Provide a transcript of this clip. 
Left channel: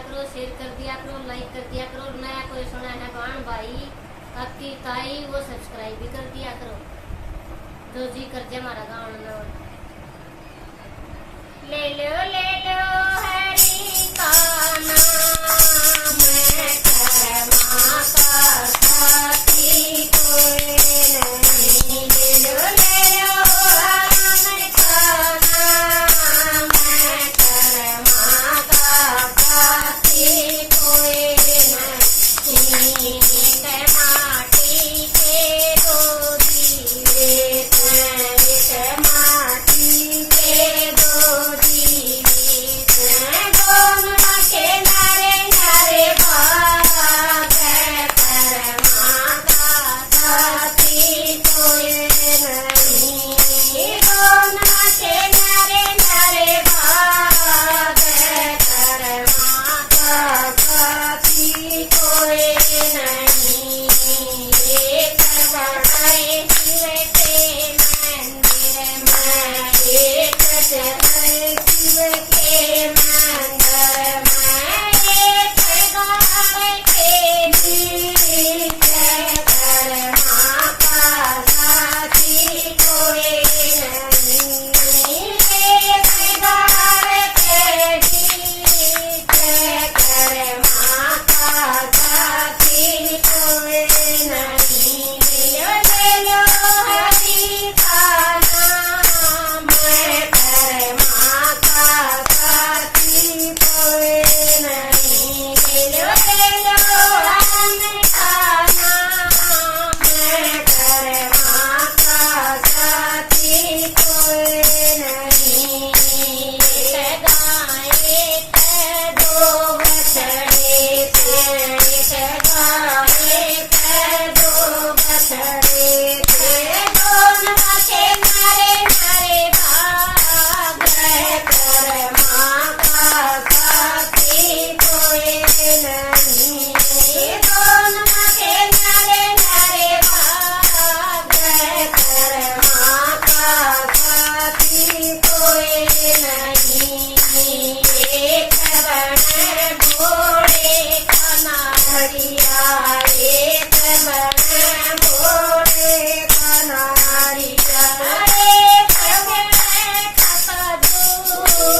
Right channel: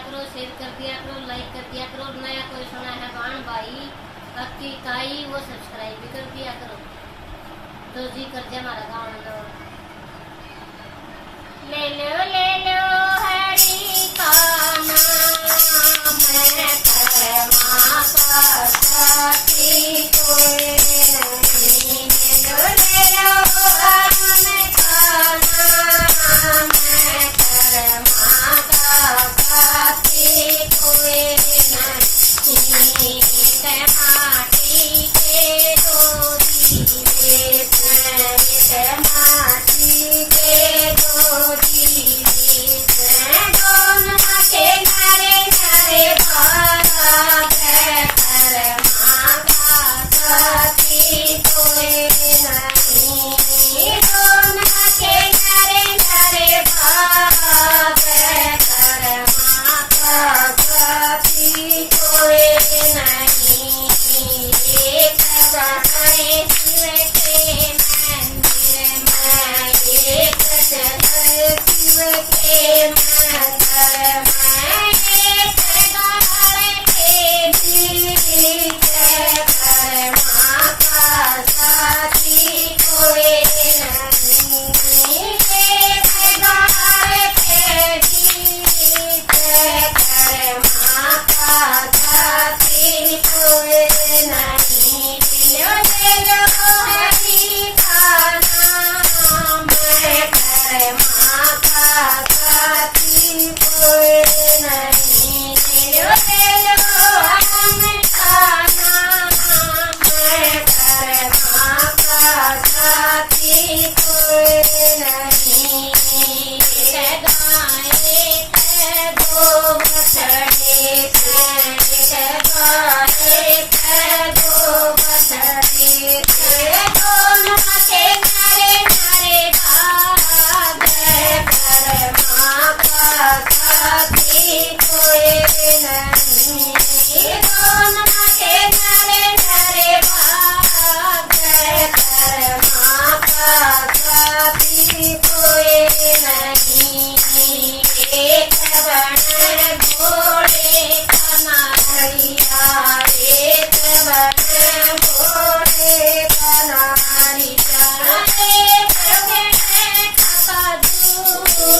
करो, शेयर कर दिया करो, लाइक कर दिया करो। नया कोई सुना है बाण भाई अति ताई वो सब्सक्राइब भी कर दिया करो। तो जी कर दिया हमारा गाँव ले लो हरि का नाम माता साथी कोई नहीं। ले लो राम का नाम माता साथी कोई नहीं। माटी के दो दिए माटी के दो दिए दोनों के नारे नारे भाग कर माता साथी कोई नहीं। दोनों के नारे नारे भाग कर माता साथी कोई नहीं। एक बनाए शिव के मंदिर में, एक शिव के मंदिर में, एक गाय के गीत कर माता साथी कोई नहीं। एक गाय के गीत कर माता साथी कोई नहीं। ले लो हरि का नाम कर माता साथी कोई नहीं। ले लो राम का नाम कर माता साथी कोई नहीं। गाय दो बछड़े दो बछड़े दोनों के नारे नारे भाग कर माता साथी कोई नहीं। दोनों के नारे नारे भाग कर माता साथी कोई नहीं। एक बन घोड़े का नारिया, एक बन घोड़े का नारिया, एक बन खपदूर